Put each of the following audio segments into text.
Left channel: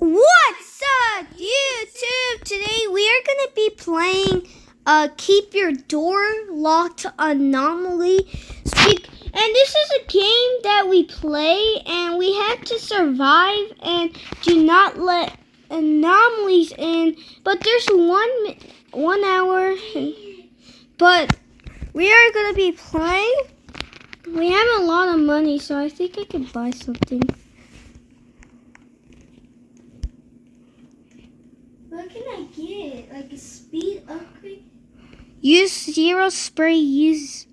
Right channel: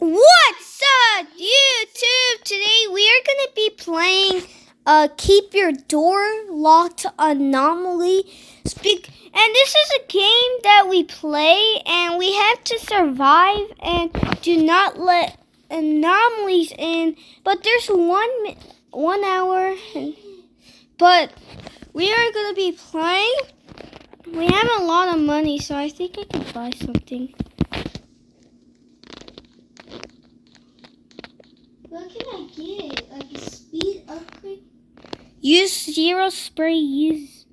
What's up, YouTube? Today we are going to be playing Keep Your Door Locked Anomaly. And this is a game that we play and we have to survive and do not let anomalies in. But there's 1 hour. But we are going to be playing. We have a lot of money, so I think I can buy something. What can I get? Like a speed upgrade? Use zero spray. Use.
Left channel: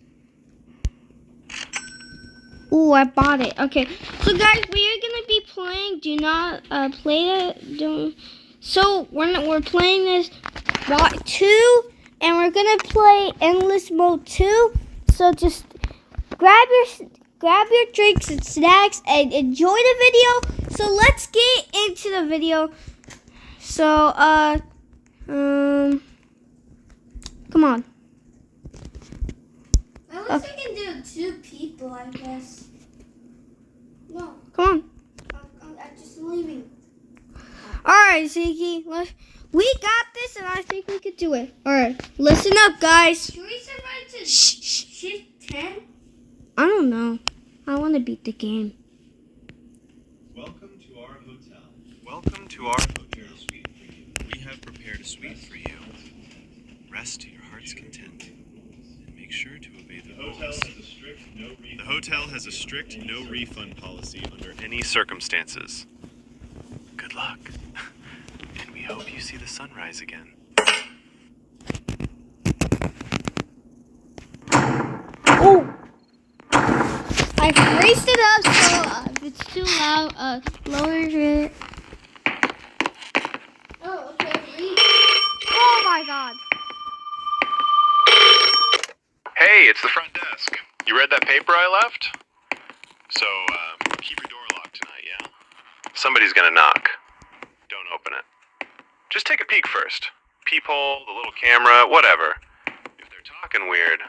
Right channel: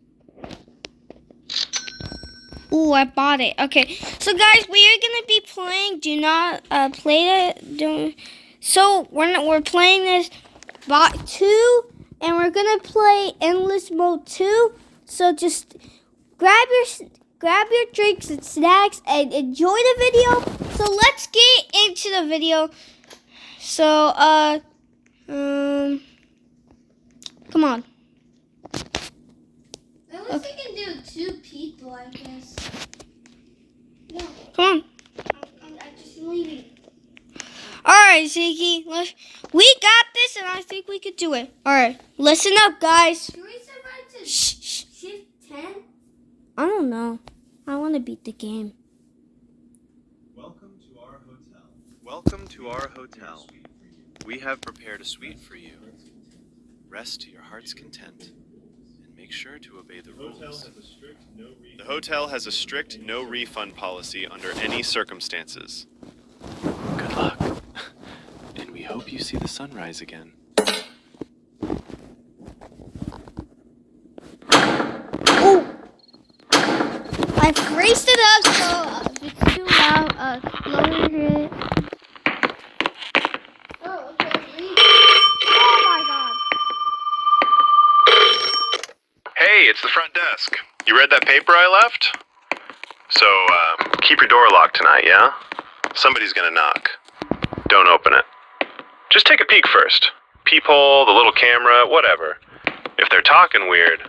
Ooh, I bought it. Okay, so guys, we are gonna be playing. Do not play that. Don't. So we're playing this Bot 2, and we're gonna play Endless Mode 2. So just grab your drinks and snacks and enjoy the video. So let's get into the video. So, come on. At least we can do 2 people, I guess. No. Come on. I'm just leaving. Alright, Zeke. We got this, and I think we could do it. Alright, listen up, guys. Should we survive to shift 10? I don't know. I want to beat the game. Welcome to our hotel. Welcome to our hotel. We have prepared a suite for you. Rest to your heart's content and make sure to obey the rules. The hotel has a strict no refund policy under any circumstances. Good luck. And we hope you see the sunrise again. Oh! I raised it up, so if it's too loud, lower it. Oh, okay, leave. Oh my god. Hey, it's the front desk. You read that paper I left? So, keep your door locked tonight, yeah? Somebody's gonna knock. Don't open it. Just take a peek first. Peephole, the little camera, whatever. If they're talking weird,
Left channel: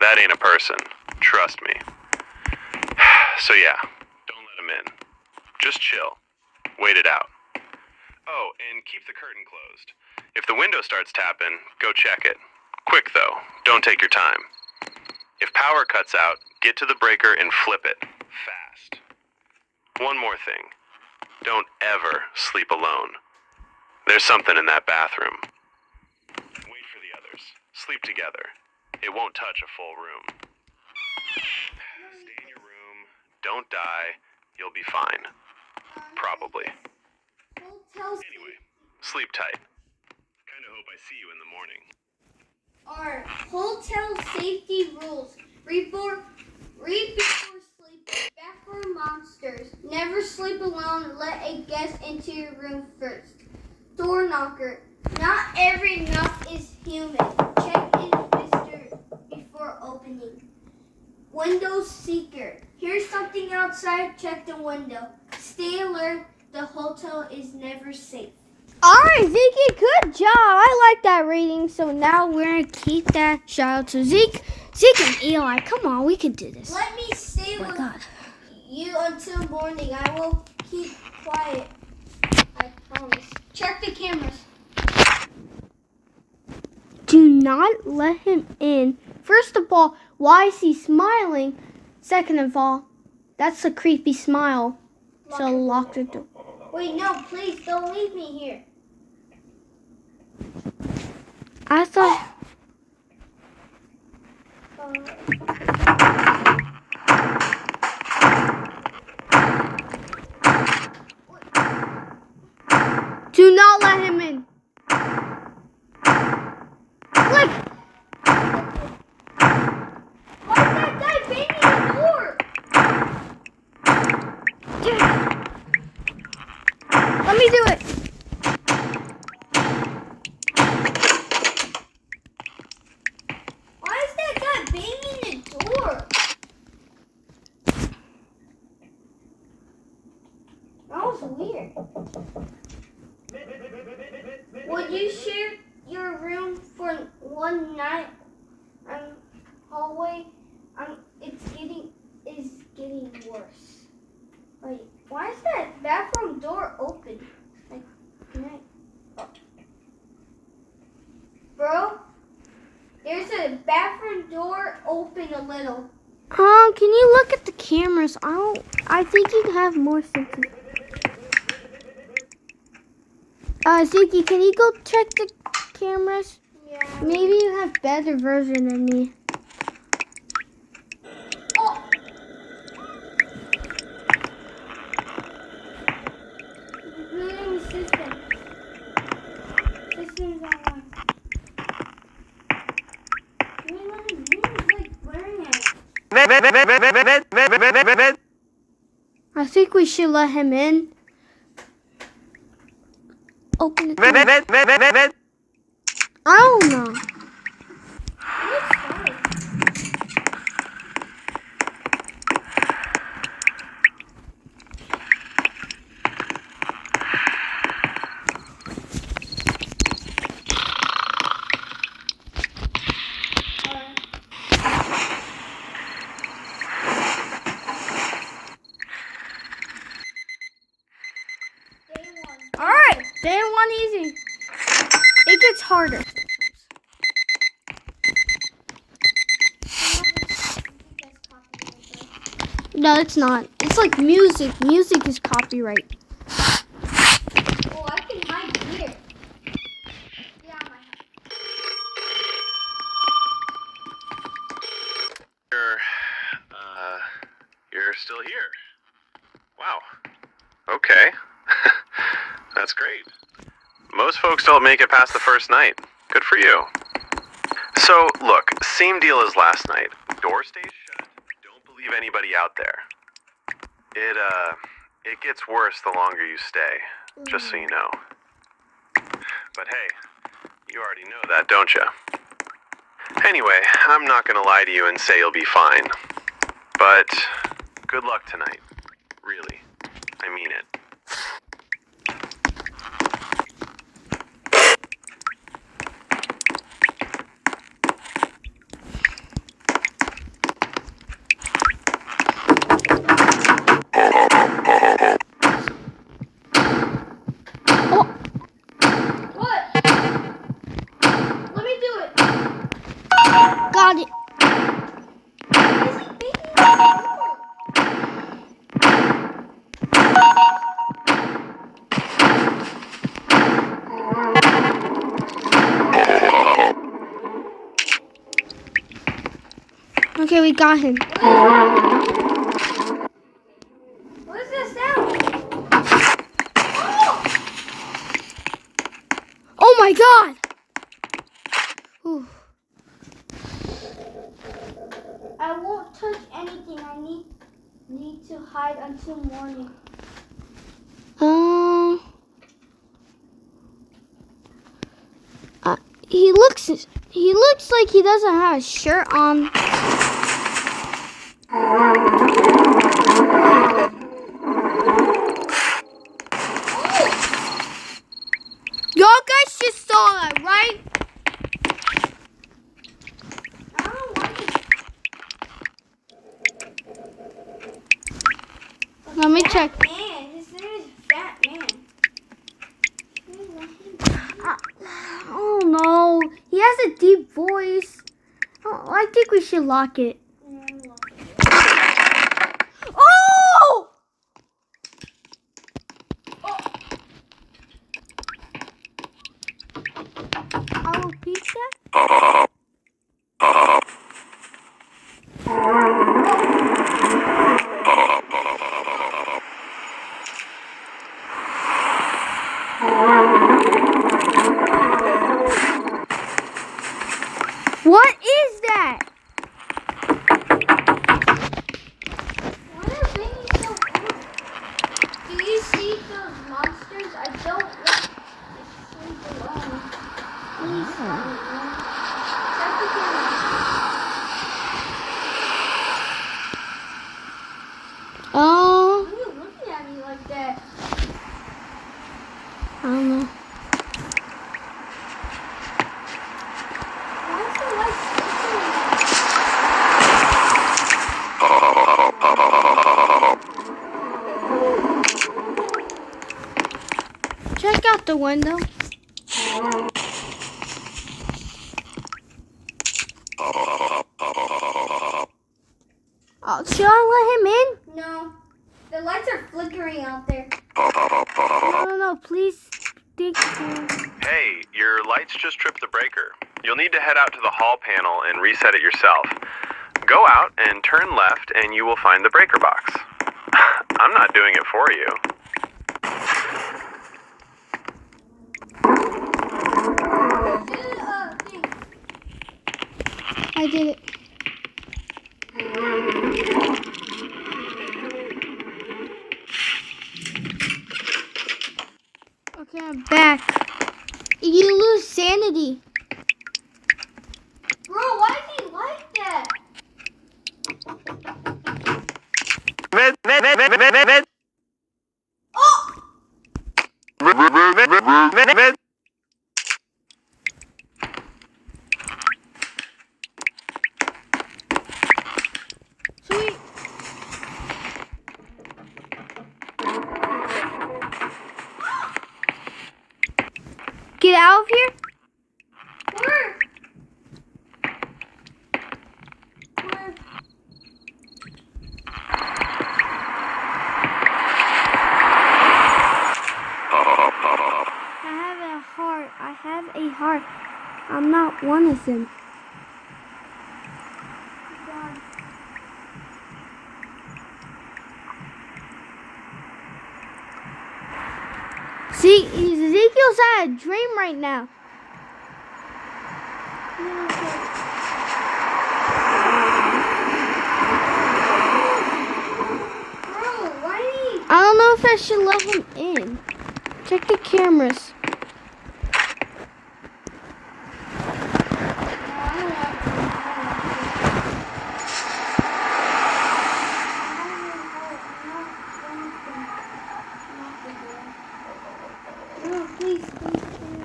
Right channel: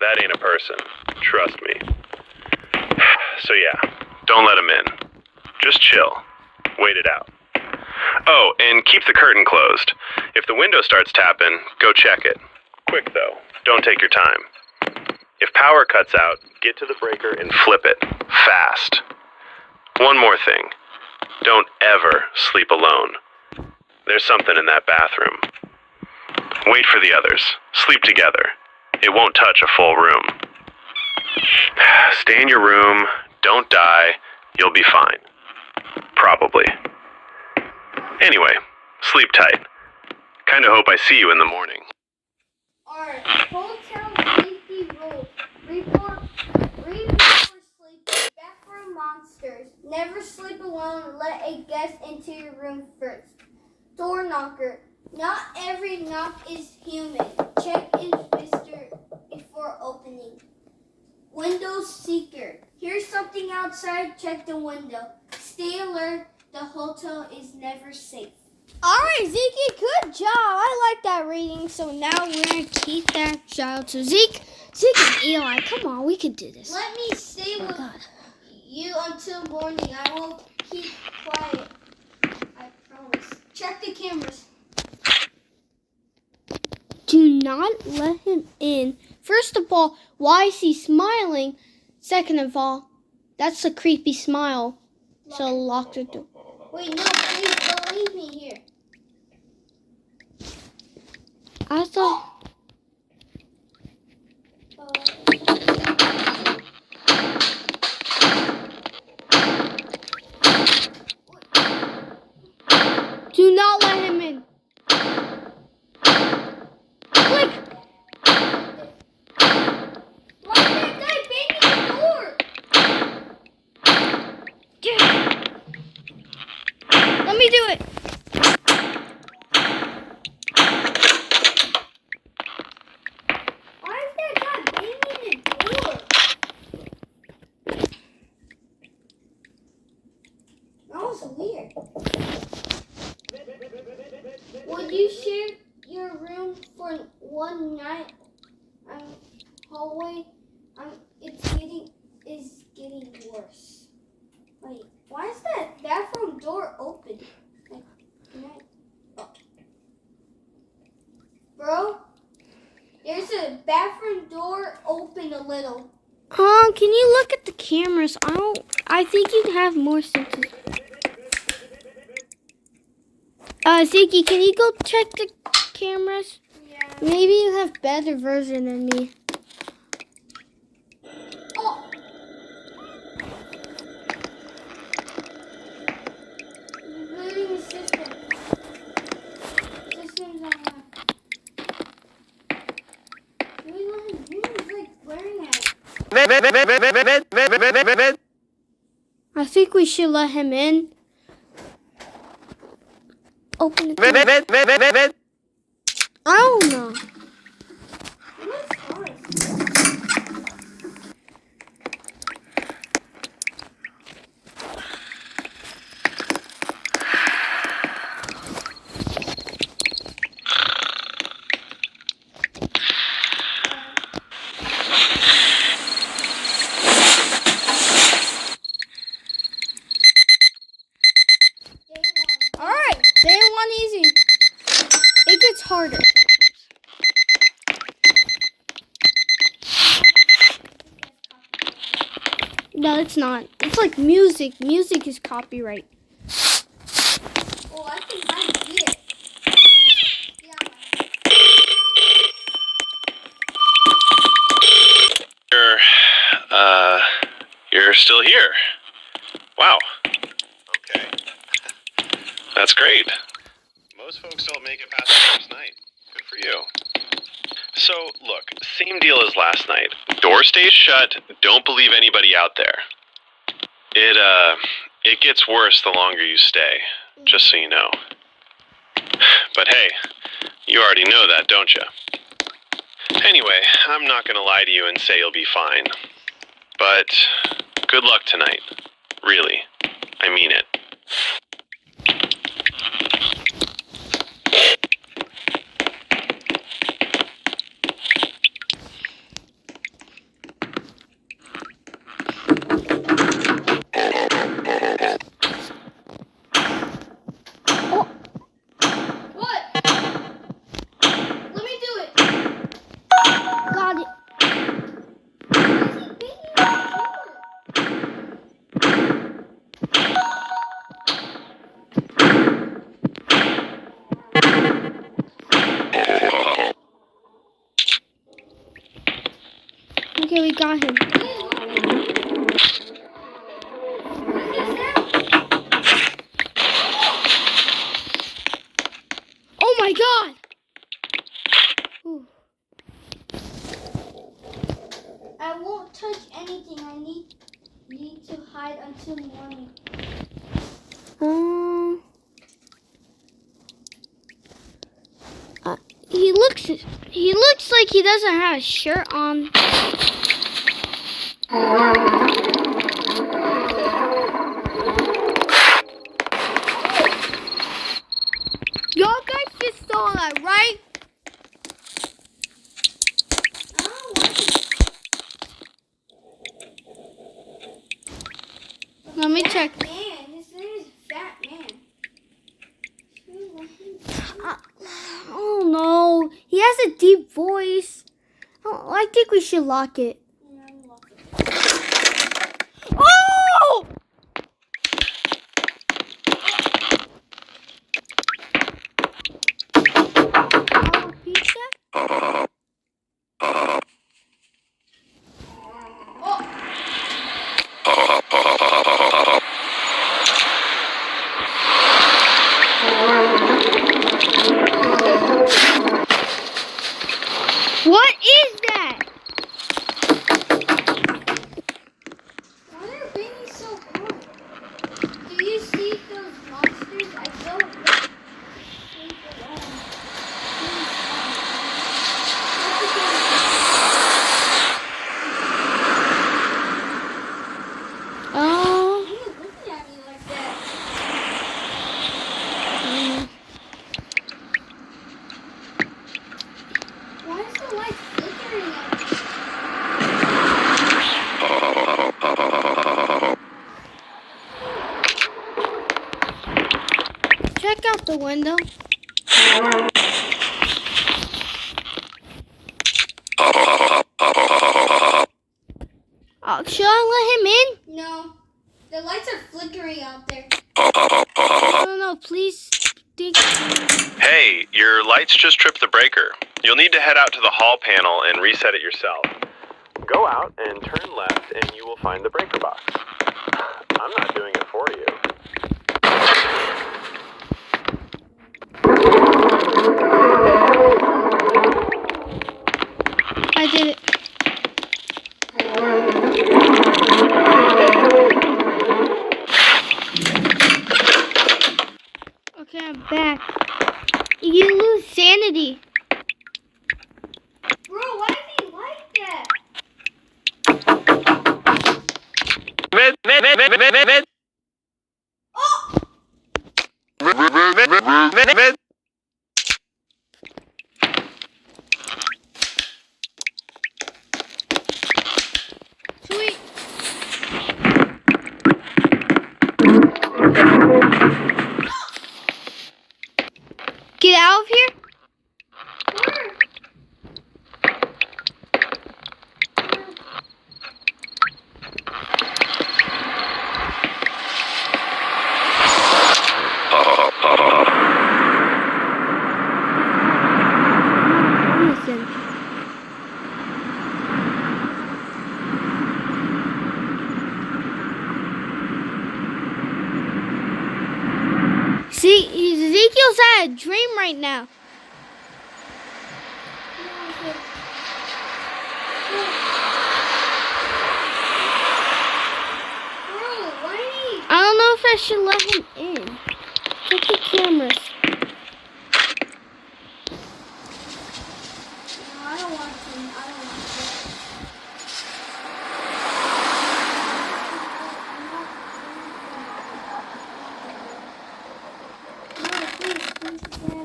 that ain't a person. Trust me. So yeah, don't let them in. Just chill. Wait it out. Oh, and keep the curtain closed. If the window starts tapping, go check it. Quick though, don't take your time. If power cuts out, get to the breaker and flip it. Fast. One more thing. Don't ever sleep alone. There's something in that bathroom. Wait for the others. Sleep together. It won't touch a full room. Stay in your room. Don't die. You'll be fine. Probably. Anyway, sleep tight. Kinda hope I see you in the morning. Our hotel safety rules. Read before sleep. Bathroom monsters. Never sleep alone. Let a guest into your room first. Door knocker. Not every knock is human. Check in Mr. before opening. Window seeker. Here's something outside. Check the window. Stay alert. The hotel is never safe. Alright, Zeke, good job. I like that rating. So now we're going to keep that. Shout out to Zeke and Eli. Come on, we can do this. Let me stay with you until morning. I will keep quiet. I promise. Check the cameras. Do not let him in. First of all, why is he smiling? Second of all, that's a creepy smile. So lock the door. Wait, no, please don't leave me here. I thought... Do not let him in. Click. Why is that guy banging the door? Let me do it. Why is that guy banging the door? That was weird. Would you share your room for one night? Hallway. It's getting worse. Wait, why is that bathroom door open? front door open a little. Can you look at the cameras? I think you have more senses. Zeke, can you go check the cameras? Yeah. Maybe you have better version than me. Oh. Rebooting the system. System's online. Wait, let him move. He's like glaring at it. I think we should let him in. Open the door. I don't know. Alright, day one easy. It gets harder. No, it's not. It's like music. Music is copyright. Oh, I think mine's here. Yeah, You're still here. Wow. Okay. That's great. Most folks don't make it past the first night. Good for you. So, look, same deal as last night. Door stays shut. Don't believe anybody out there. It gets worse the longer you stay, just so you know. But hey, you already know that, don't you? Anyway, I'm not gonna lie to you and say you'll be fine. But good luck tonight. Really. I mean it. what? Let me do it. Got it. Why is he beating the door? Okay, we got him. What is that sound? Oh my god! Ooh. I won't touch anything. I need to hide until morning. He looks like he doesn't have a shirt on. Y'all guys just saw that, right? I don't like it. Let me check. Man, his name is Fat Man. Oh no, he has a deep voice. Oh, I think we should lock it. Oh! Alopecia? What is that? Why are they being so cool? Do you see those monsters? I don't like sleep alone. Oh, Why are you looking at me like that? I don't know. Why is the light flickering? Check out the window. Should I let him in? No. The lights are flickering out there. No, please. Hey, your lights just tripped the breaker. You'll need to head out to the hall panel and reset it yourself. Go out and turn left and you will find the breaker box. I'm not doing it for you. I did it. Okay, I'm back. You lose sanity. Bro, why is he like that? Oh! Sweet. Get out of here. Where? I'm not one of them. See, Ezekiel's had a dream right now. Bro, why did he... I don't know if I should let him in. Check the cameras. I don't want to. No, please.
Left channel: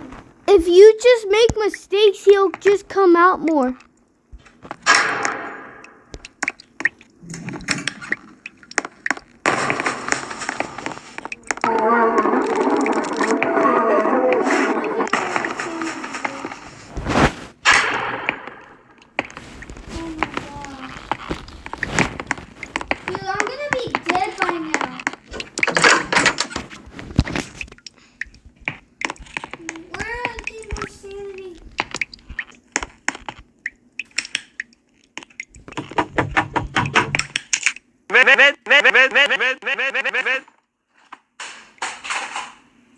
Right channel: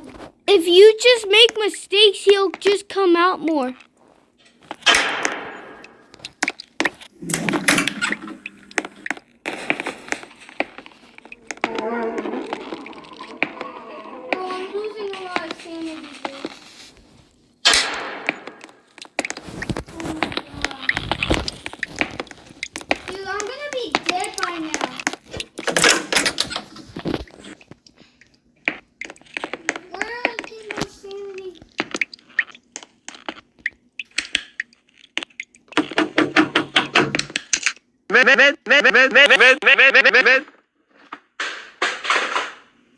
If you just make mistakes, he'll just come out more. Dude, I'm gonna be dead by now. Where did my sanity?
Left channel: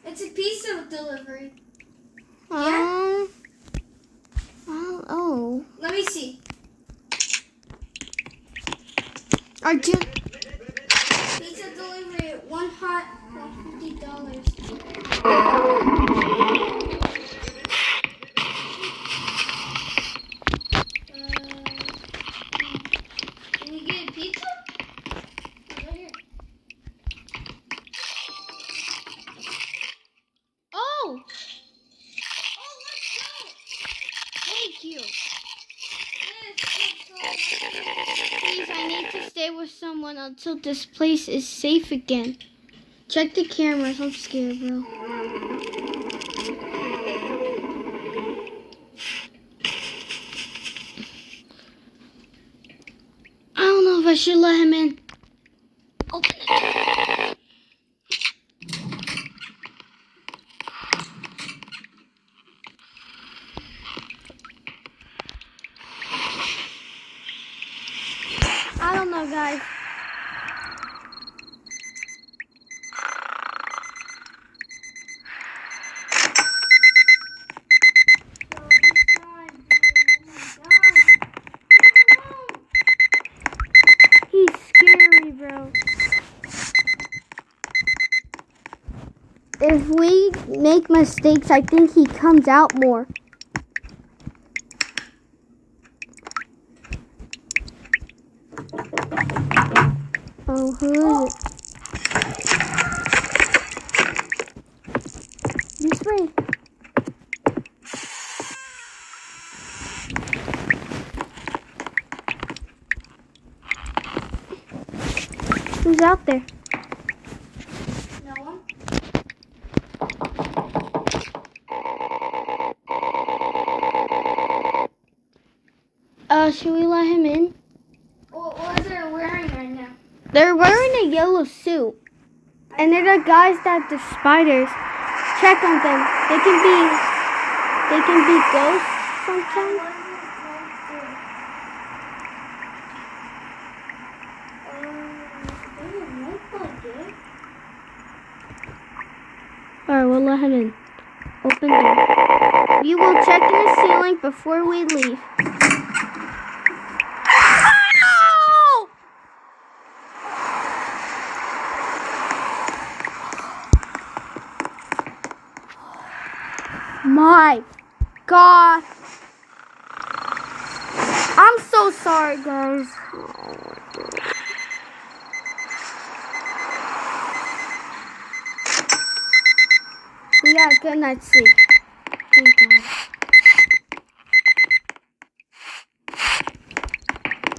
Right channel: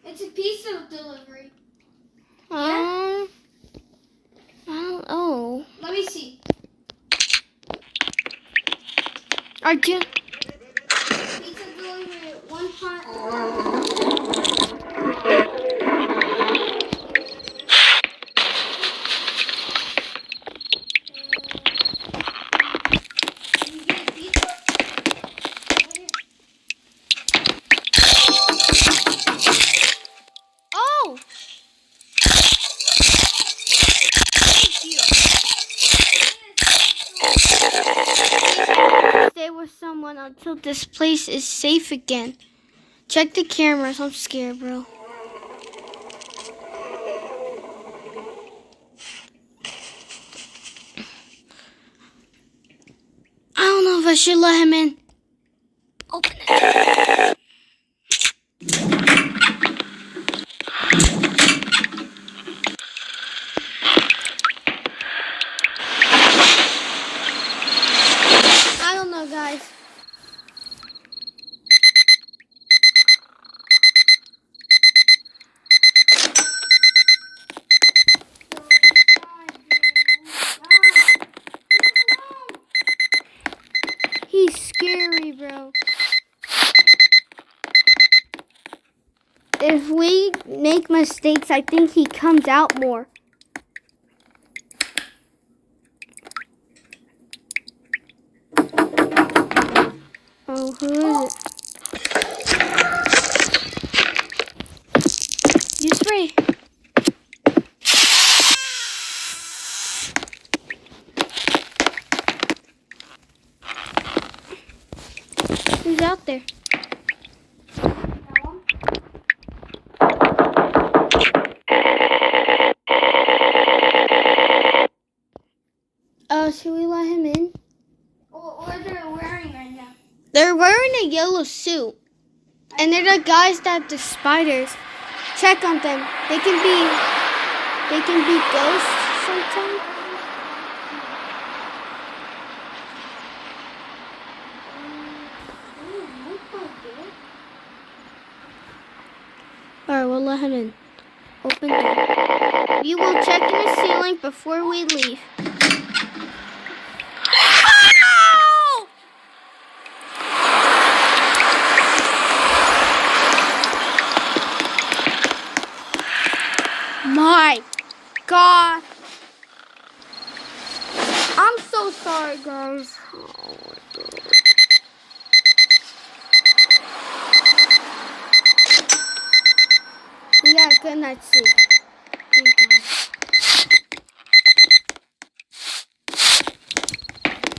It's a pizza delivery. I don't know. Let me see. Are you? Pizza delivery, one hot. Can you get a pizza? Right here. Oh! Thank you. Stay with someone until this place is safe again. Check the cameras. I'm scared, bro. I don't know if I should let him in. Open it. I don't know, guys. He's scary, bro. If we make mistakes, I think he comes out more. Oh, who is it? You spray. Who's out there? No one? Should we let him in? What is it wearing right yellow suit. And they're the guys that the spiders. Check on them. They can be ghosts sometimes. Alright, we'll let him in. Open door. We will check in the ceiling before we leave. Oh! My God. I'm so sorry, guys. We got a good night's sleep. Thank God.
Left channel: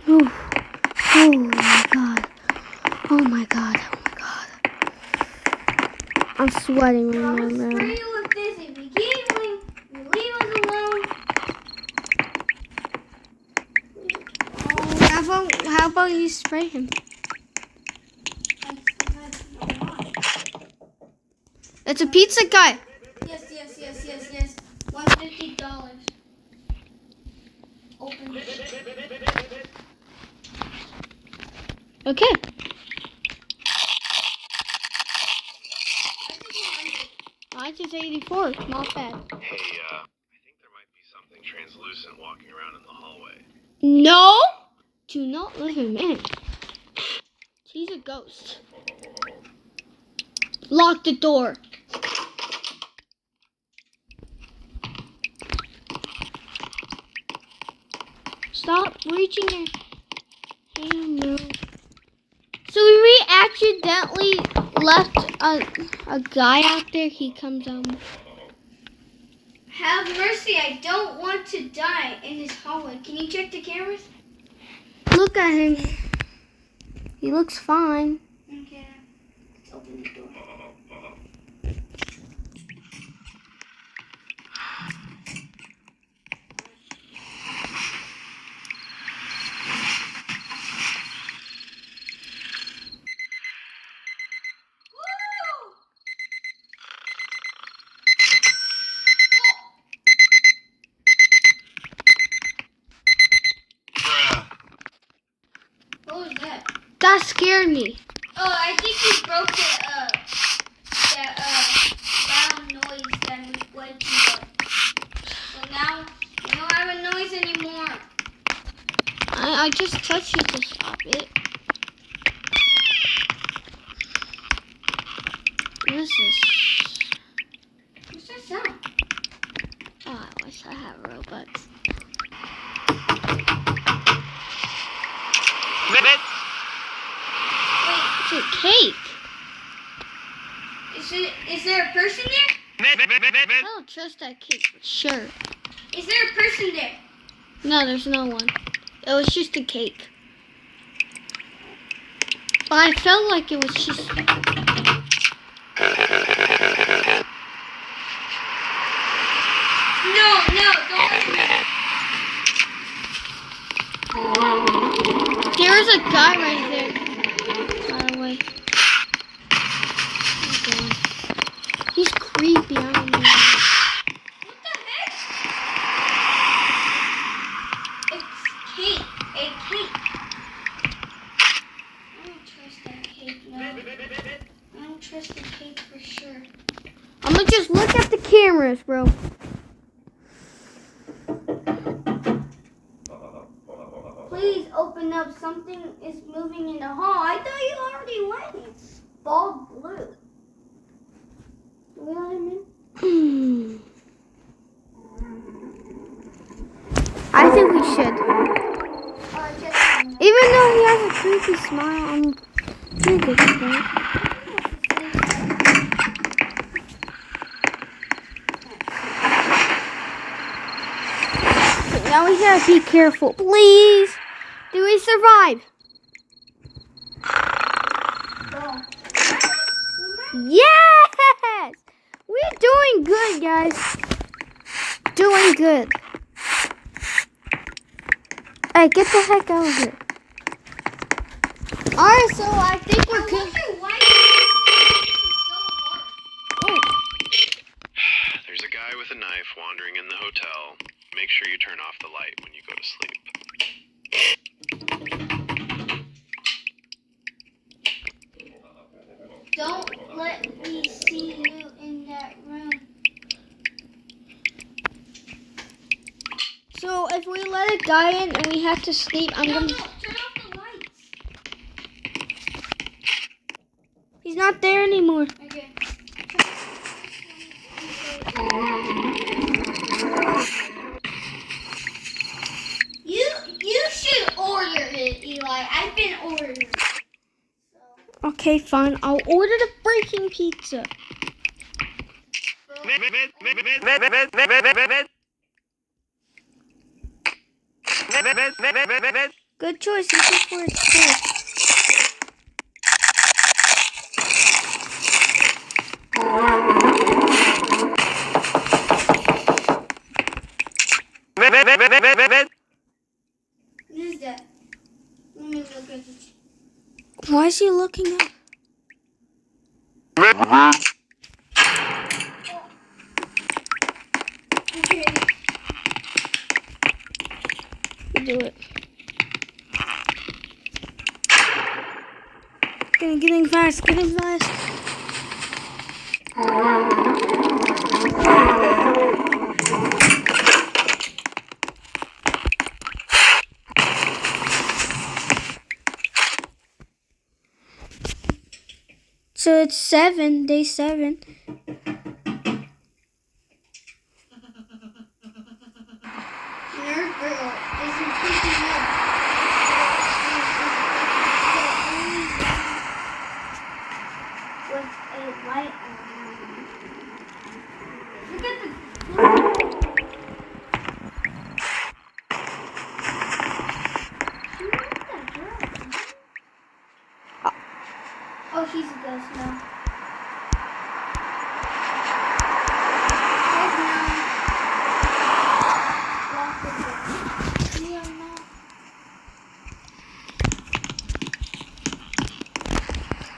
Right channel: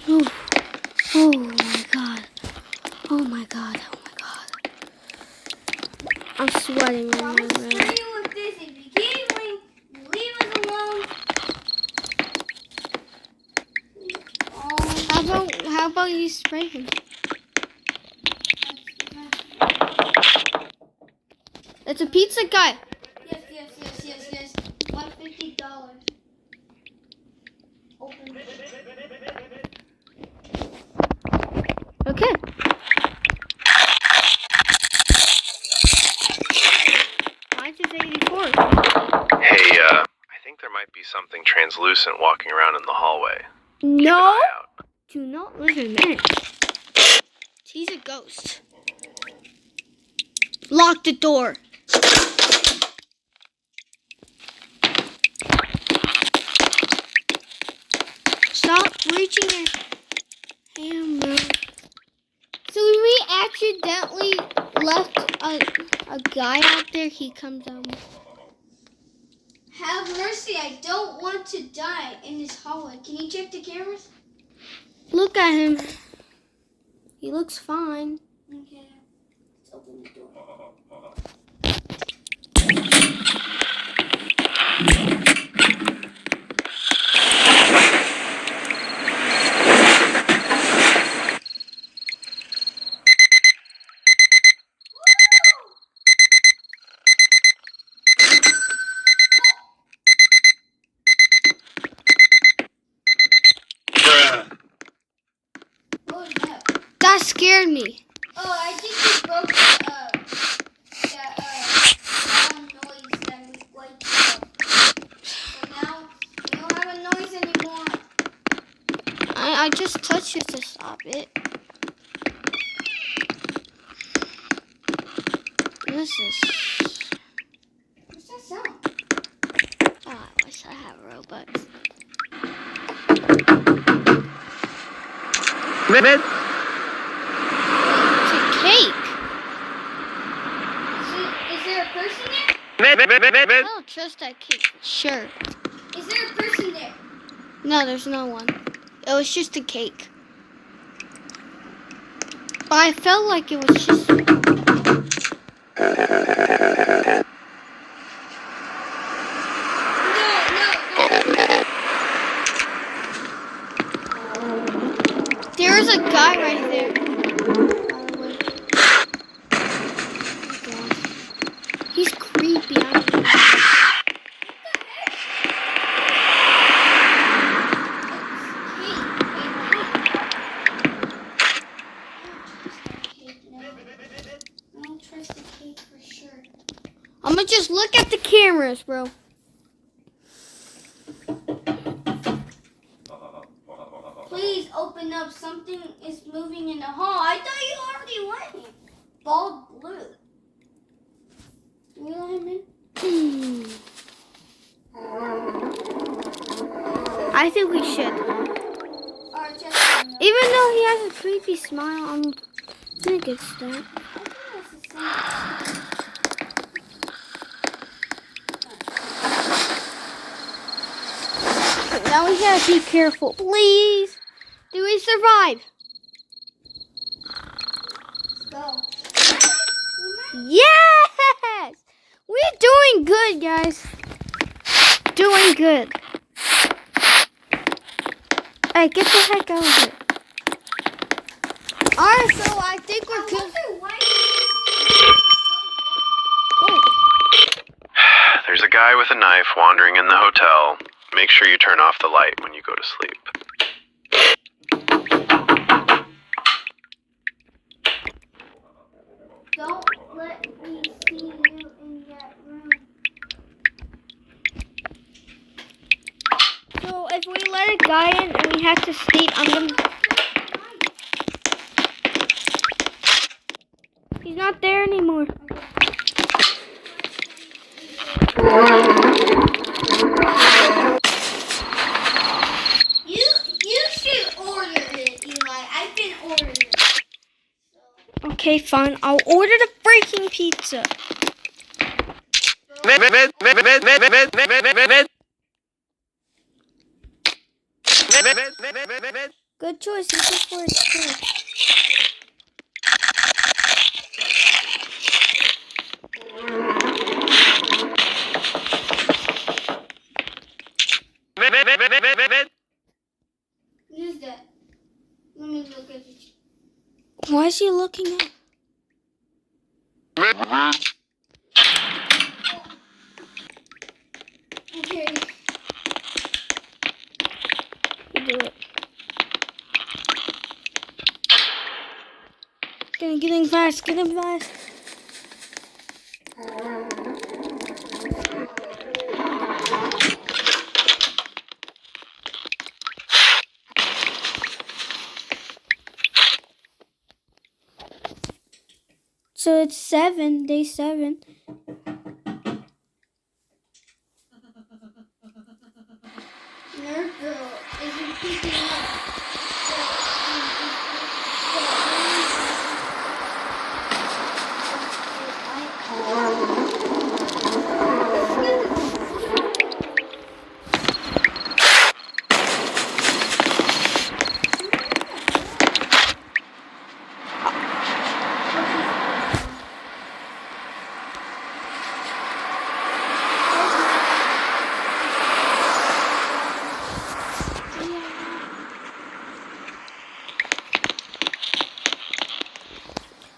Ooh. Oh my God. Oh my God. Oh my God. I'm sweating right now, Screw man. you with this. If you keep doing, you leave us alone. How about you spray him? It's a pizza guy. Yes. $150. Open it. Okay. Mine is 84. Not bad. Hey, I think there might be something translucent walking around in the hallway. No. Do not let him in. He's a ghost. Lock the door. Stop reaching your hand, man. So we accidentally left a guy out there. He comes out. Have mercy. I don't want to die in this hallway. Can you check the cameras? Look at him. He looks fine. Okay. Let's open the door. What was that? That scared me. Oh, I think you broke the noise that was waking up. So now you don't have a noise anymore. I just touched it to stop it. What is this? What's that sound? Oh, I wish I had robots. It's a cake. Is there a person there? I don't trust that cake for sure. Is there a person there? No, there's no one. It was just a cake. But I felt like it was just... No, don't. There's a guy right there. By the way. Okay. He's creepy. I don't know. What the heck? It's cake. A cake. I don't trust that cake, no. I don't trust the cake for sure. I'm gonna just look at the cameras, bro. Please open up. Something is moving in the hall. I thought you already went in. Bald blue. Do we let him in? I think we should. Alright, check him out. Even though he has a creepy smile, I'm gonna get started. Now we gotta be careful, please. Do we survive? Go. Yes! We're doing good, guys. Doing good. Hey, get the heck out of here. Alright, so I think we're good. There's a guy with a knife wandering in the hotel. Make sure you turn off the light when you go to sleep. Don't let me see you in that room. So if we let a guy in and we have to sleep, I'm gonna. He's not there anymore. You should order it, Eli. I've been ordering it. Okay, fine. I'll order the freaking pizza. Good choice. This is for its food. What is that? Let me look at it. Why is he looking up? Okay. You do it. Getting fast. Getting fast. So it's 7, day 7. Nerd girl isn't picking up.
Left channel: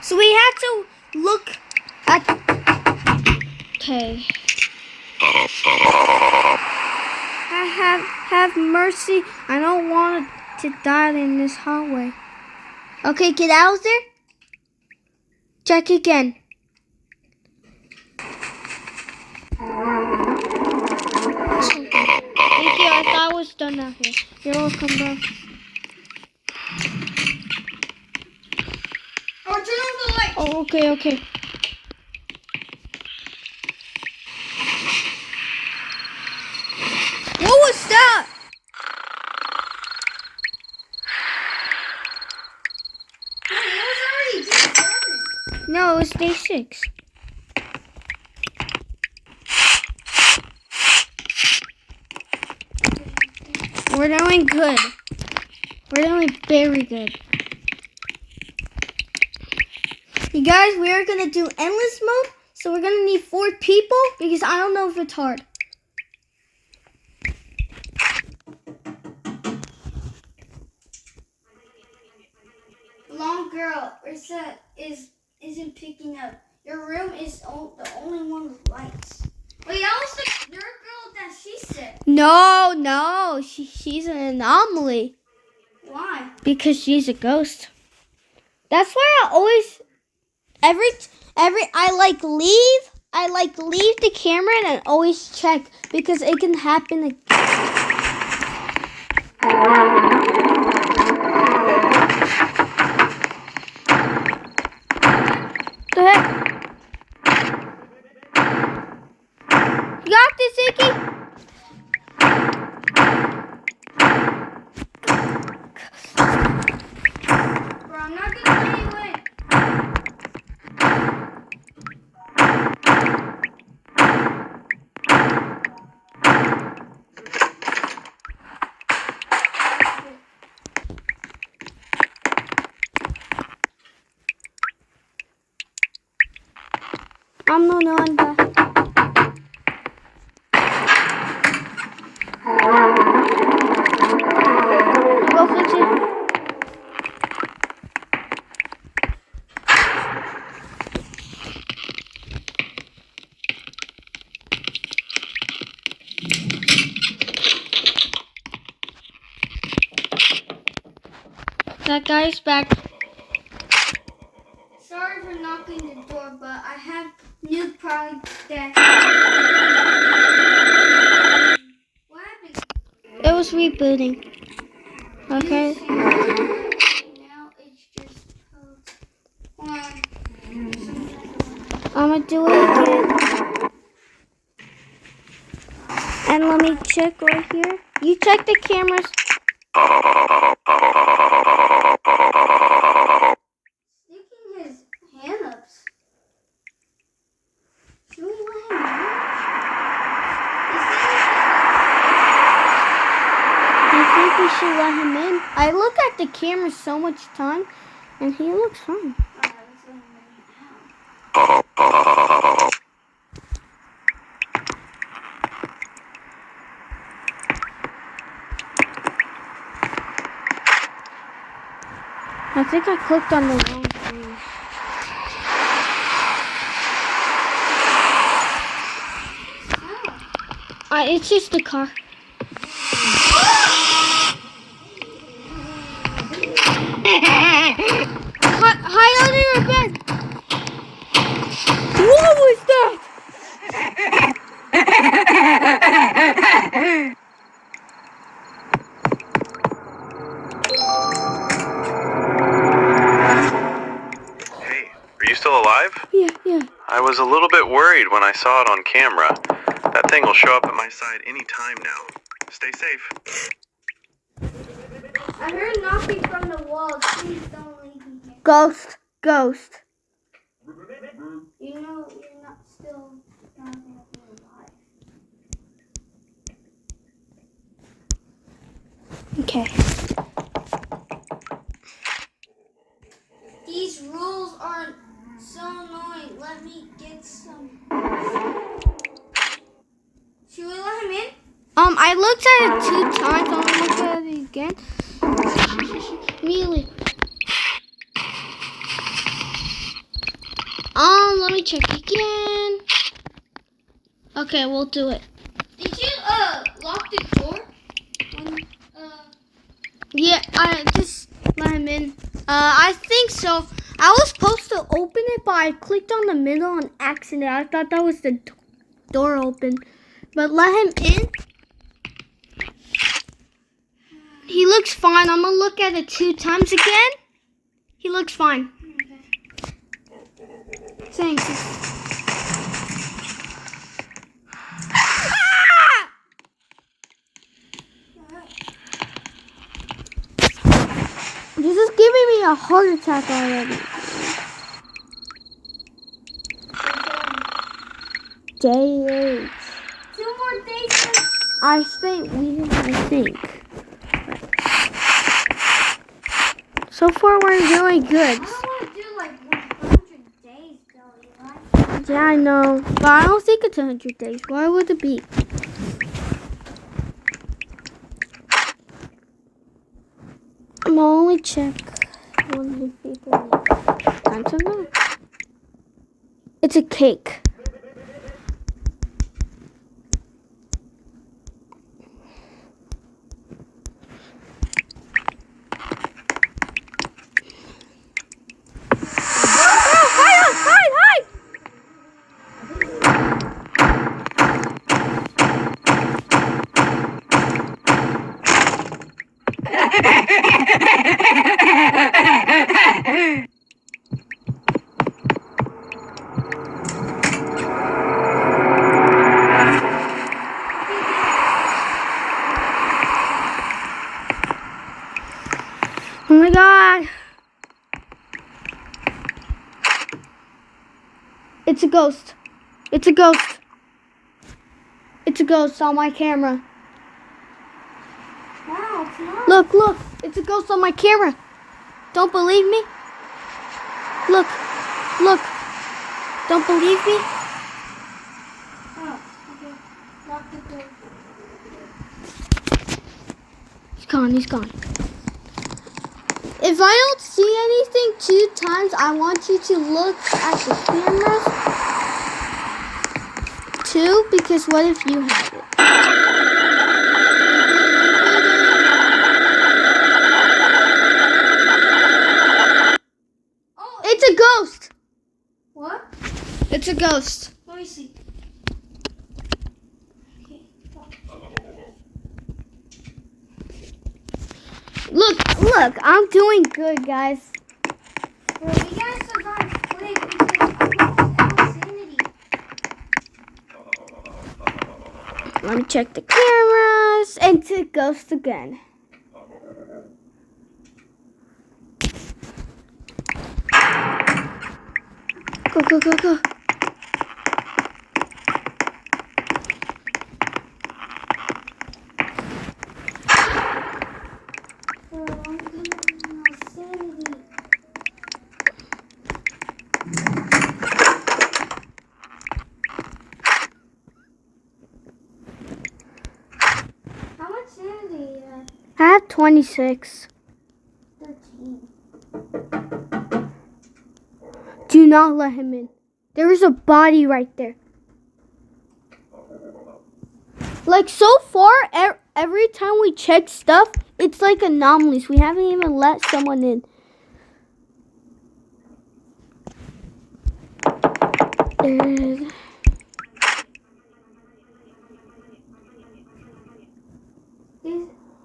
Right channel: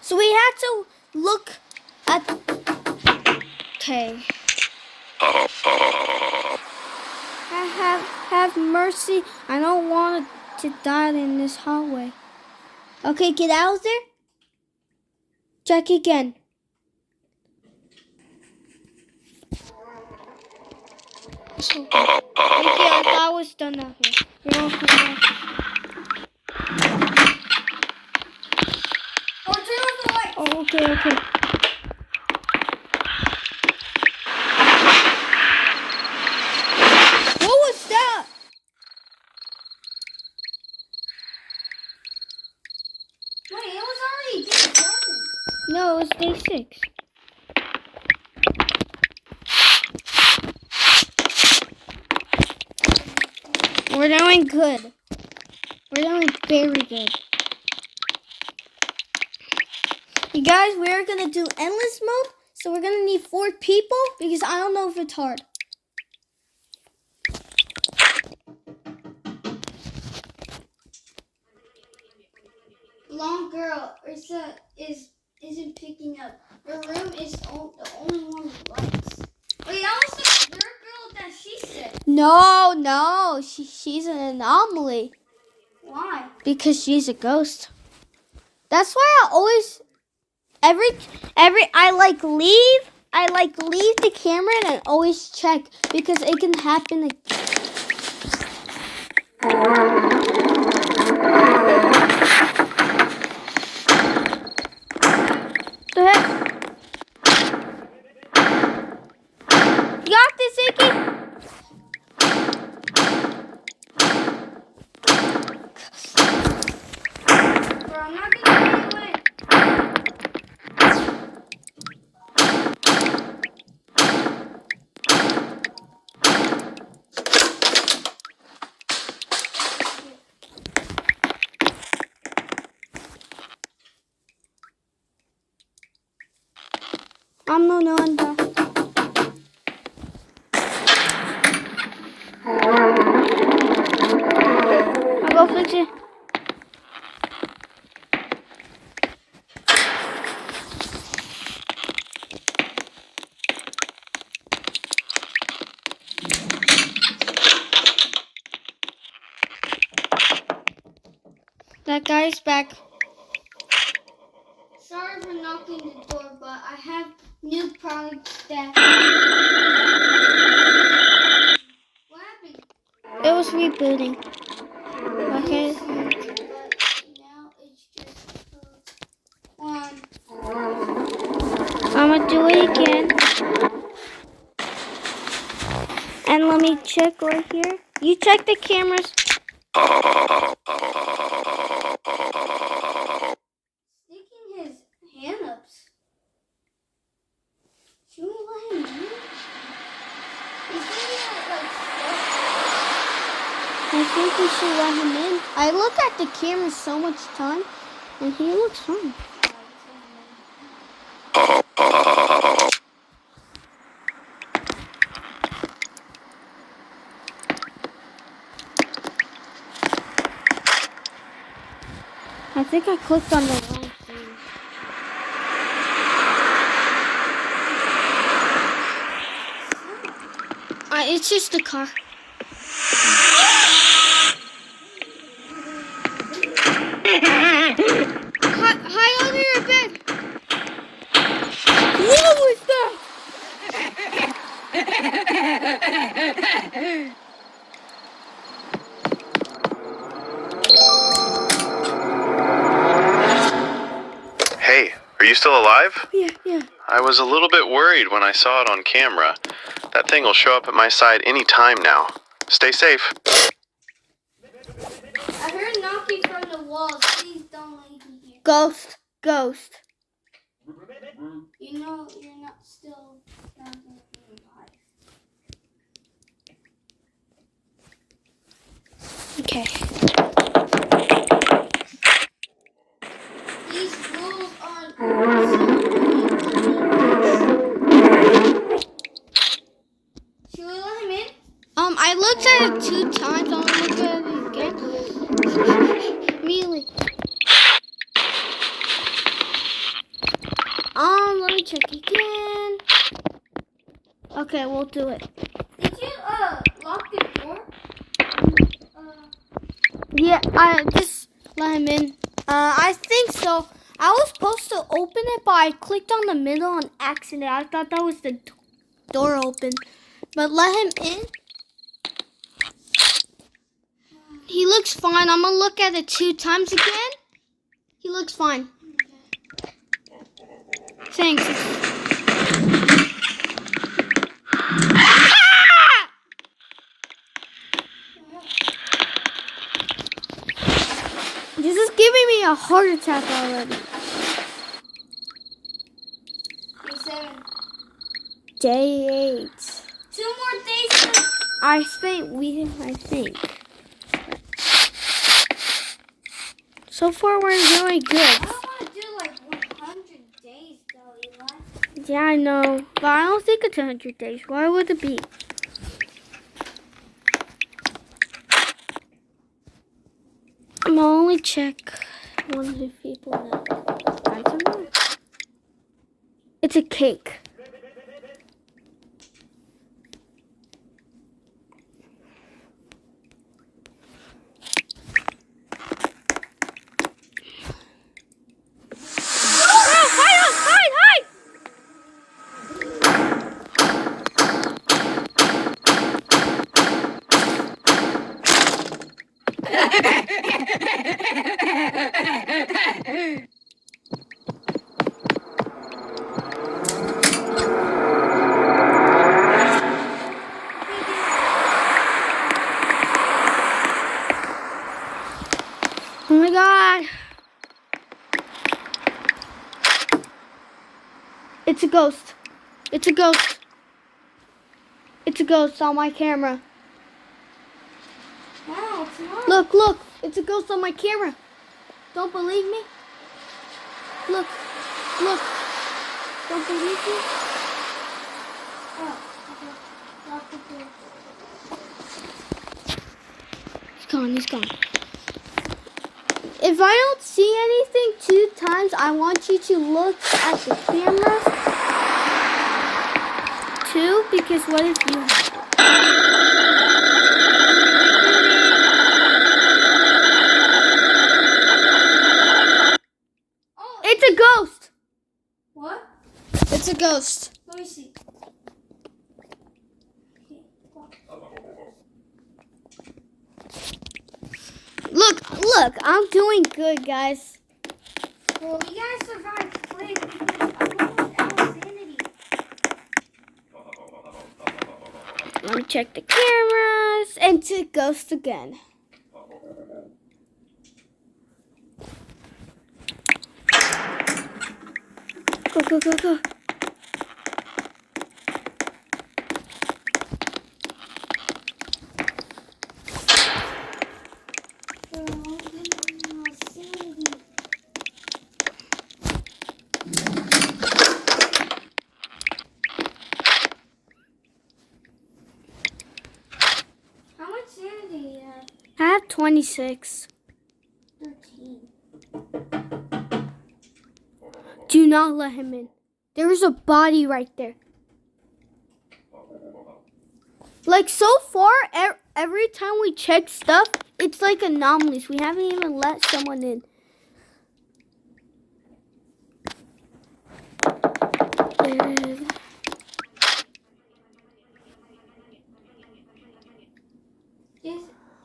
So we had to look at. Okay. Have mercy. I don't want to die in this hallway. Okay, get out of there. Check again. Okay. Thank you. I thought I was done out here. You're welcome, bro. Or turn off the lights. Oh, okay. What was that? Wait, it was already day 7. No, it was day 6. We're doing good. We're doing very good. You guys, we're going to do endless mode. So we're going to need 4 people because I don't know if it's hard. Long girl, isn't picking up. Your room is the only one with lights. Wait, that was the nerd girl that she said. No. She's an anomaly. Why? Because she's a ghost. That's why I always I leave the camera and always check because it can happen again. The heck? You got this, Zeke? Bro, I'm not gonna let you in. No, I'm back. I'll go fix it. That guy's back. Sorry for knocking the door, but I have new products that. What happened? It was rebooting. Okay. Now it's just. I'm gonna do it again. And let me check right here. You check the cameras. Sticking his hand ups. Should we let him in? I think we should let him in. I look at the camera so much time, and he looks fine. I think I clicked on the wrong thing. It's just the car. Hide under your bed. What was that? Hey, are you still alive? Yeah. I was a little bit worried when I saw it on camera. That thing will show up at my side any time now. Stay safe. I heard knocking from the walls. Please don't leave me here. Ghost. You know you're not still not gonna be alive. Okay. These rules aren't so should we let him in? I looked at it 2 times. I'm gonna look at it again. Really? Let me check again. Okay, we'll do it. Did you lock the door? Yeah, I just let him in. I think so. I was supposed to open it, but I clicked on the middle on accident. I thought that was the door open. But let him in. He looks fine. I'm gonna look at it 2 times again. He looks fine. Thanks. Ah! This is giving me a heart attack already. Day 8. 2 more days. I think. So far, we're doing good. I don't want to do like 100 days though, Eli. Yeah, I know. But I don't think it's 100 days. Why would it be? I'm gonna only check 100 people. That's enough. It's a cake. Oh my god. It's a ghost. It's a ghost. It's a ghost on my camera. No, it's not. Look. It's a ghost on my camera. Don't believe me? Look. Don't believe me? Oh, okay. Lock the door. He's gone. If I don't see anything 2 times, I want you to look at the camera too, because what if you have it? It's a ghost. Let me see. Look, I'm doing good, guys. Well, you guys survived quick because full sanity. Let me check the cameras. And it's a ghost again. Go. How much sanity do you have? I have 26. 13. Do not let him in. There is a body right there. Like so far, every time we check stuff, it's like anomalies. We haven't even let someone in.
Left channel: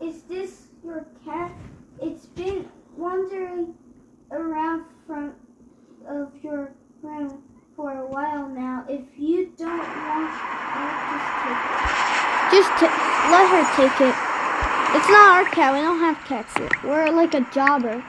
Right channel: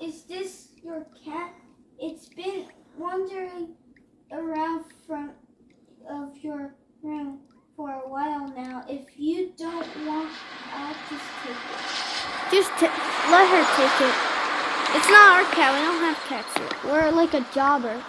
Is this your cat? It's been wandering around front of your room for a while now. If you don't want, I'll just take it. Let her take it. It's not our cat. We don't have cats here. We're like a jobber.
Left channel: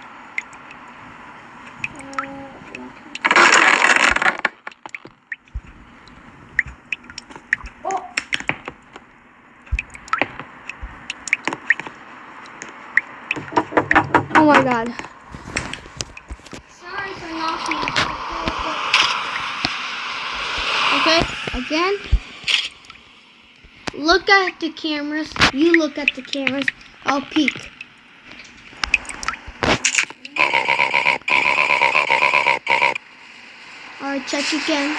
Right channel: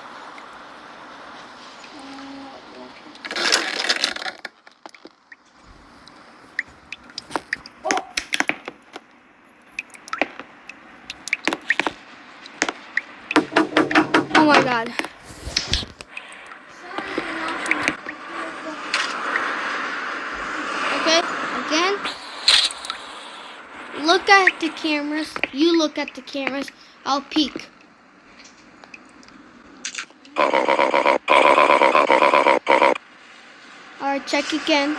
Oh my god. Sorry for knocking. Okay, again. Look at the cameras. You look at the cameras. I'll peek. Alright, check again.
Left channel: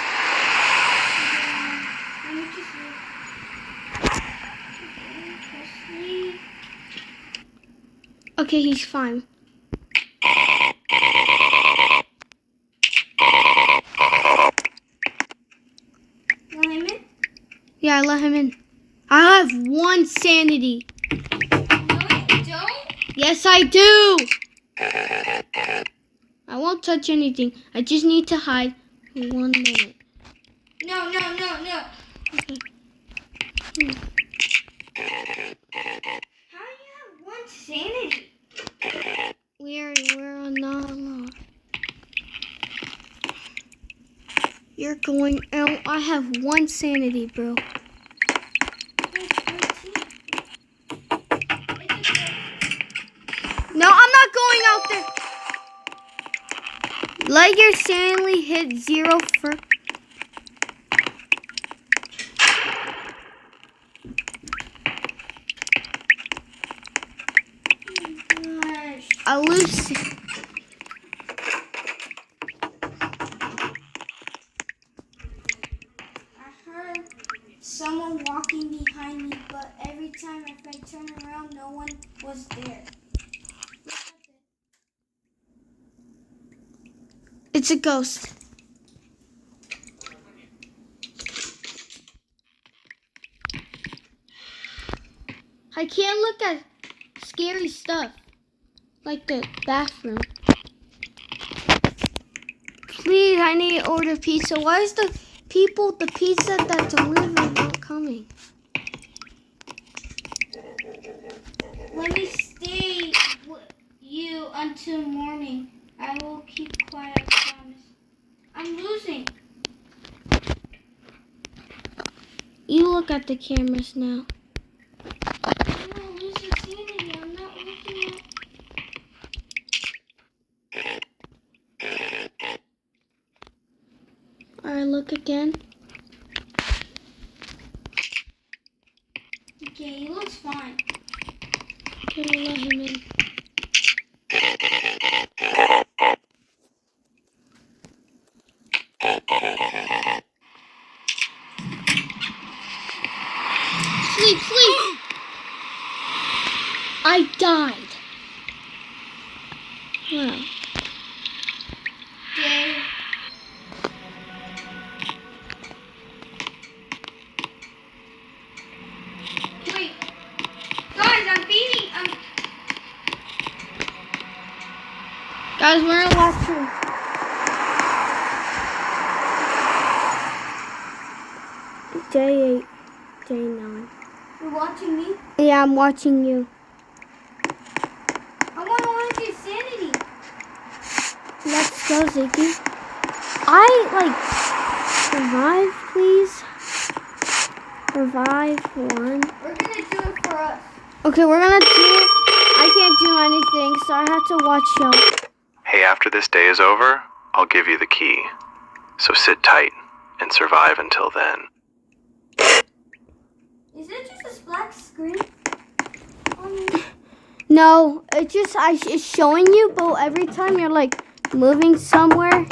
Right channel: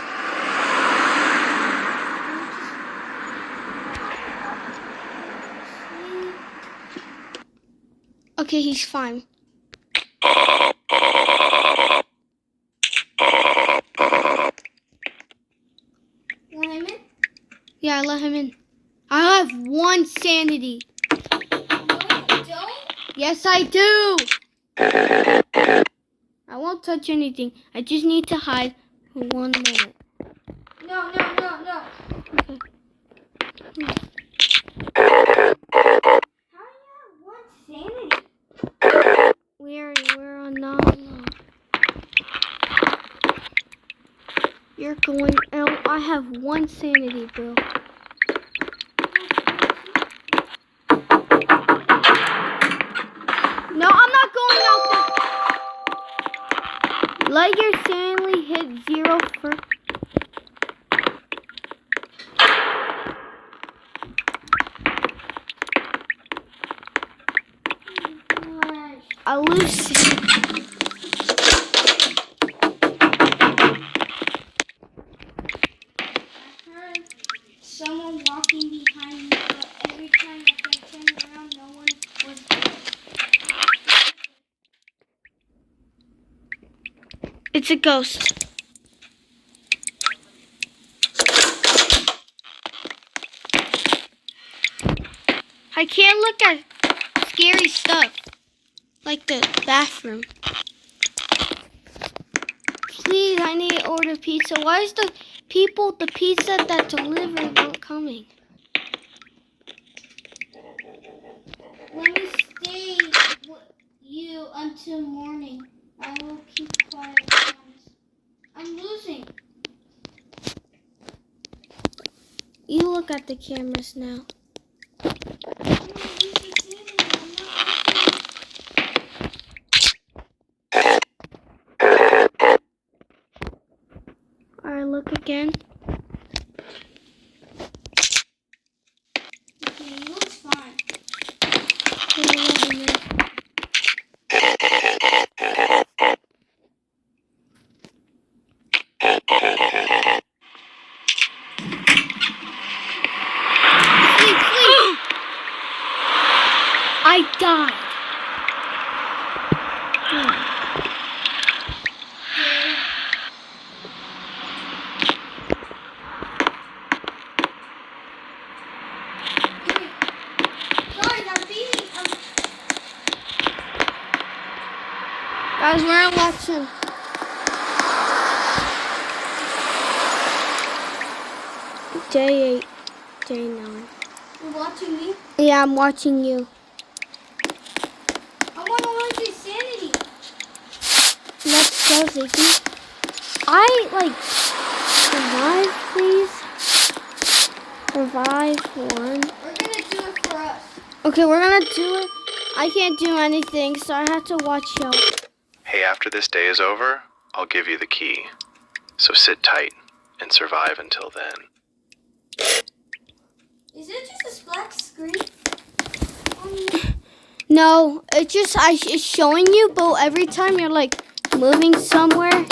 Okay, he's fine. Let him in? Yeah, I let him in. I have 1 sanity. No, you don't? Yes, I do. I won't touch anything. I just need to hide for 1 minute. No. Okay. How do you have 1 sanity? We're not alone. You're going out. I have 1 sanity, bro. No, I'm not going out there. Let your sanity hit 0 first. I lose. I heard someone walking behind me, but every time I turned around, no one was there. It's a ghost. I can't look at scary stuff. Like the bathroom. Please, I need to order pizza. Why is the pizza that delivered not coming? Let me stay with you until morning. I will keep quiet, I promise. I'm losing. You look at the cameras now. I'm not losing sanity. I'm not losing. Alright, look again. Okay, he looks fine. Sleep. I died. Yeah. Guys, we're watching. Day 8, day 9. You're watching me? Yeah, I'm watching you. I want 100 sanity. Let's go, Ziggy. Revive, please. Revive 1. We're gonna do it for us. Okay, we're gonna do it. I can't do anything, so I have to watch y'all. Hey, after this day is over, I'll give you the key. So sit tight and survive until then. Is it just a black screen? No, it's just it's showing you, but every time you're like moving somewhere.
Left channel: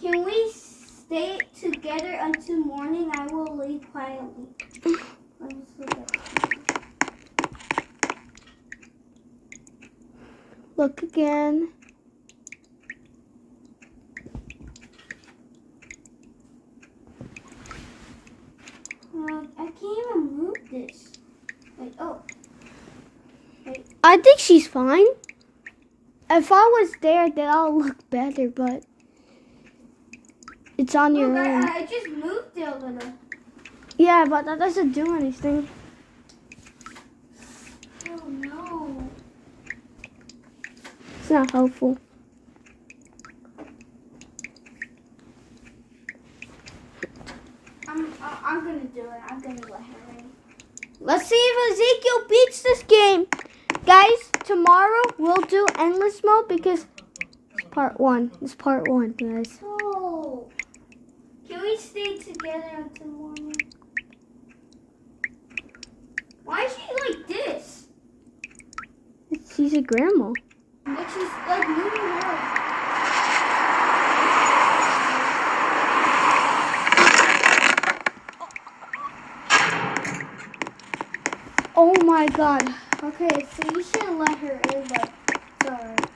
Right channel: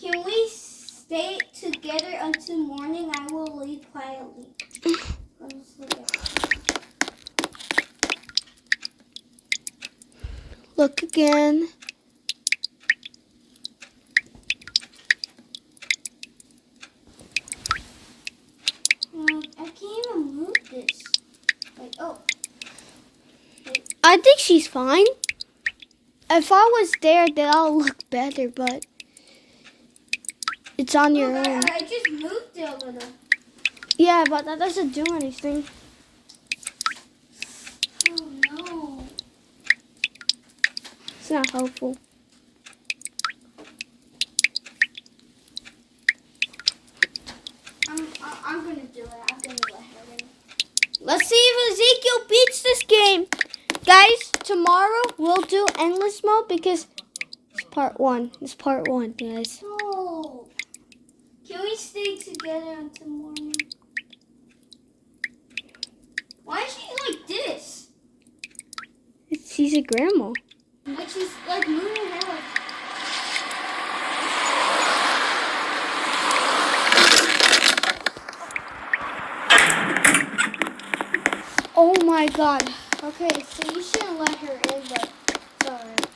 Can we stay together until morning? I will leave quietly. Let's look at it. Look again. I can't even move this. Like, oh. I think she's fine. If I was there, then I'll look better, but it's on your Look, own. I just moved it over there. Yeah, but that doesn't do anything. Oh no. It's not helpful. I'm gonna do it. I'm gonna let her in. Let's see if Ezekiel beats this game. Guys, tomorrow we'll do endless mode because it's part 1. It's part 1, guys. No. Can we stay together until morning? Why is she like this? She's a grandma. Like she's like moving around. Oh my god. Okay, so you shouldn't let her in, but it's alright.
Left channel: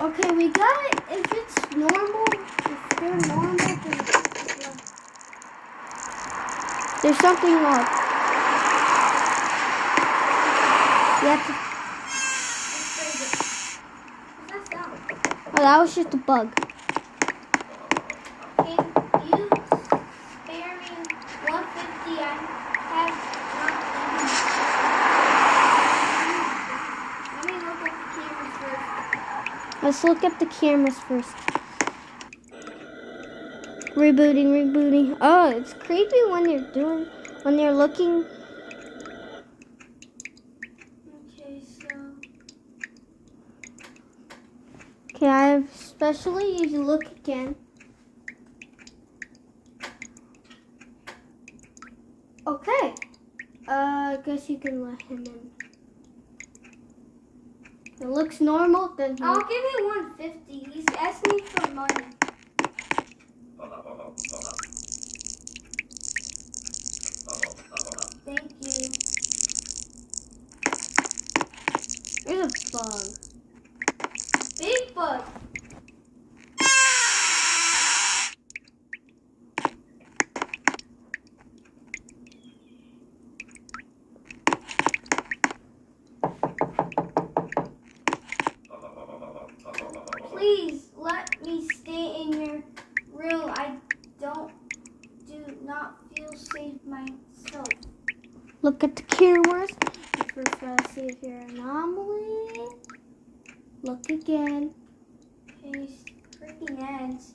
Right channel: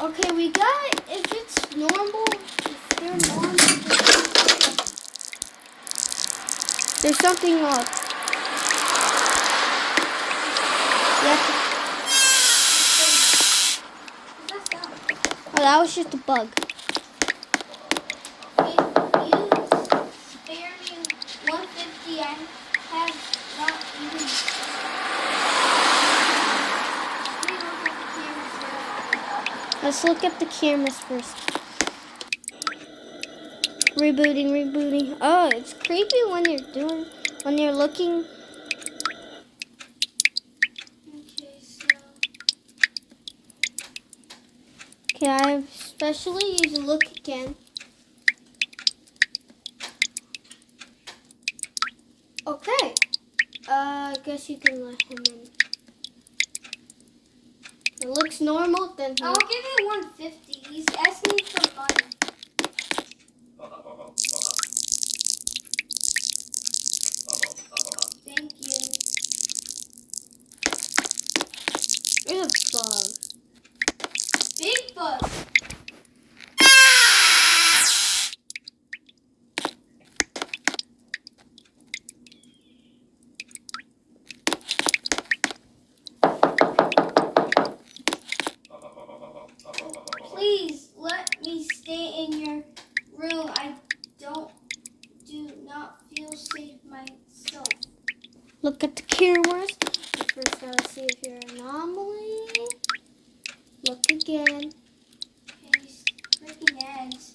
Okay, we got it. If it's normal, if they're normal, then there's something up. You have to, What's that sound? oh, that was just a bug. Can you spare me 150? I have not even. Let's look at the cameras first. Rebooting. Oh, it's creepy when you're looking. Okay, so Okay, I especially you can look again. Okay. I guess you can let him in. It looks normal, then I'll give you 150. He's asking for money. Thank you. there's a bug. Big bug. Please let me stay in your room. I do not feel safe myself. Look at the cameras. First, let's see here. Anomaly. Look again. His freaking ads.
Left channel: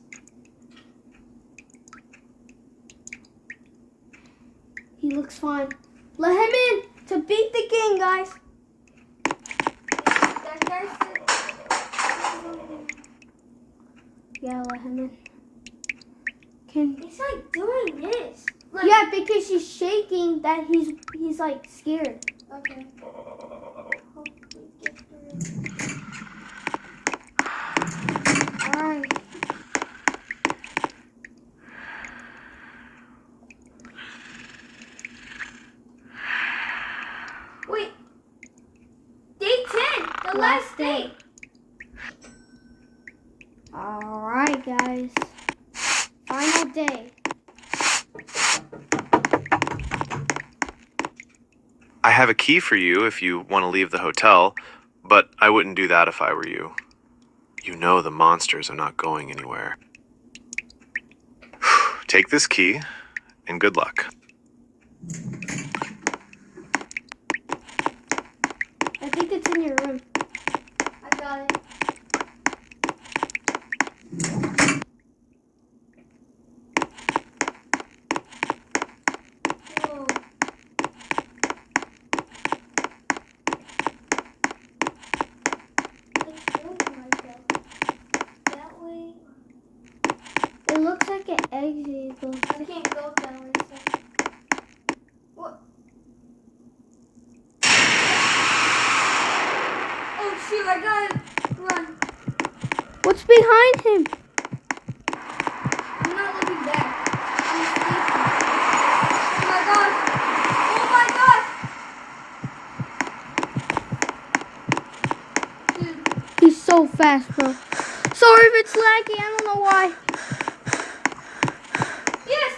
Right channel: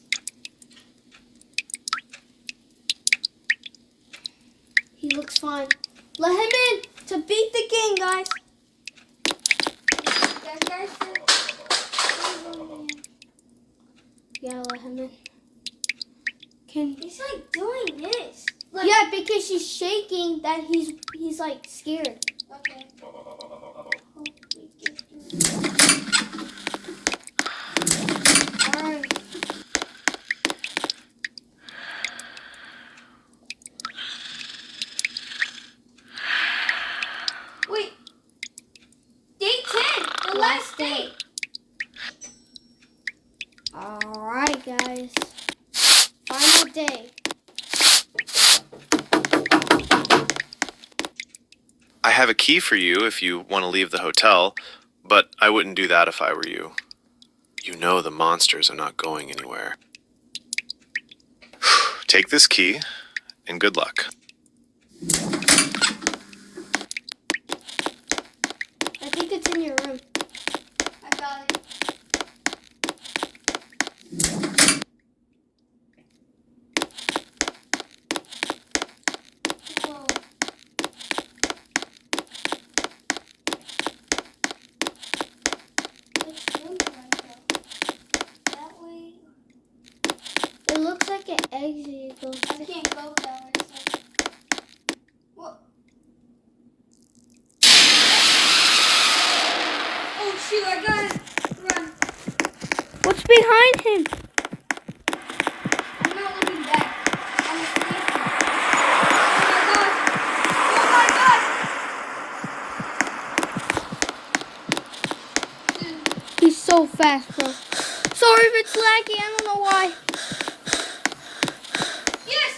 He looks fine. Let him in to beat the game, guys. That guy said. Yeah, let him in. He's like doing this. Look. Yeah, because she's shaking that he's like scared. Okay. Hope we get through. Alright. Wait. Day 10. The last day. Alright, guys. Final day. I have a key for you if you want to leave the hotel, but I wouldn't do that if I were you. You know the monsters are not going anywhere. Take this key, and good luck. I think it's in your room. I got it. Whoa. Let's go that way. It looks like an exit. I can't go that way. So. What? Oh shoot! I got it. Run! What's behind him? I'm not looking back. I'm sleeping. Oh my gosh! Oh my gosh! Dude, He's so fast, bro. Sorry if it's laggy. I don't know why. yes!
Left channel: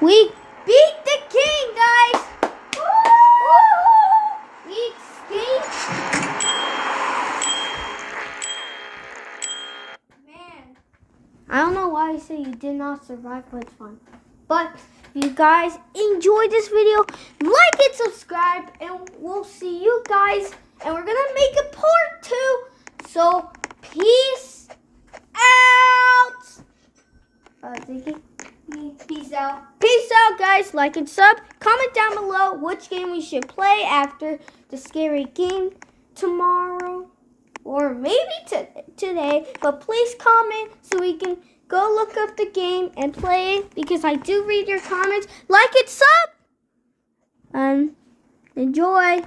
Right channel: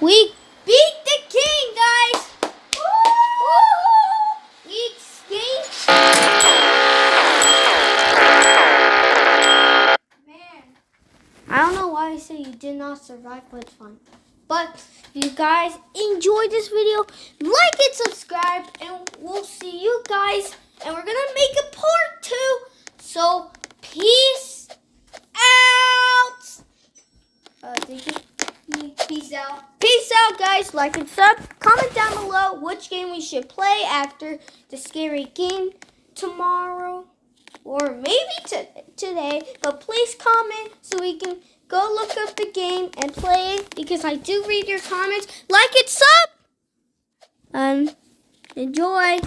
We beat the king, guys. Woo! We escaped. Man. I don't know why I say you did not survive, but it's fun. But if you guys enjoyed this video, like and subscribe, and we'll see you guys. And we're gonna make a part 2. So peace out. Peace out. Peace out, guys. Like and sub. Comment down below which game we should play after the scary game tomorrow. Or maybe today. But please comment so we can go look up the game and play it. Because I do read your comments. Like and sub. Enjoy.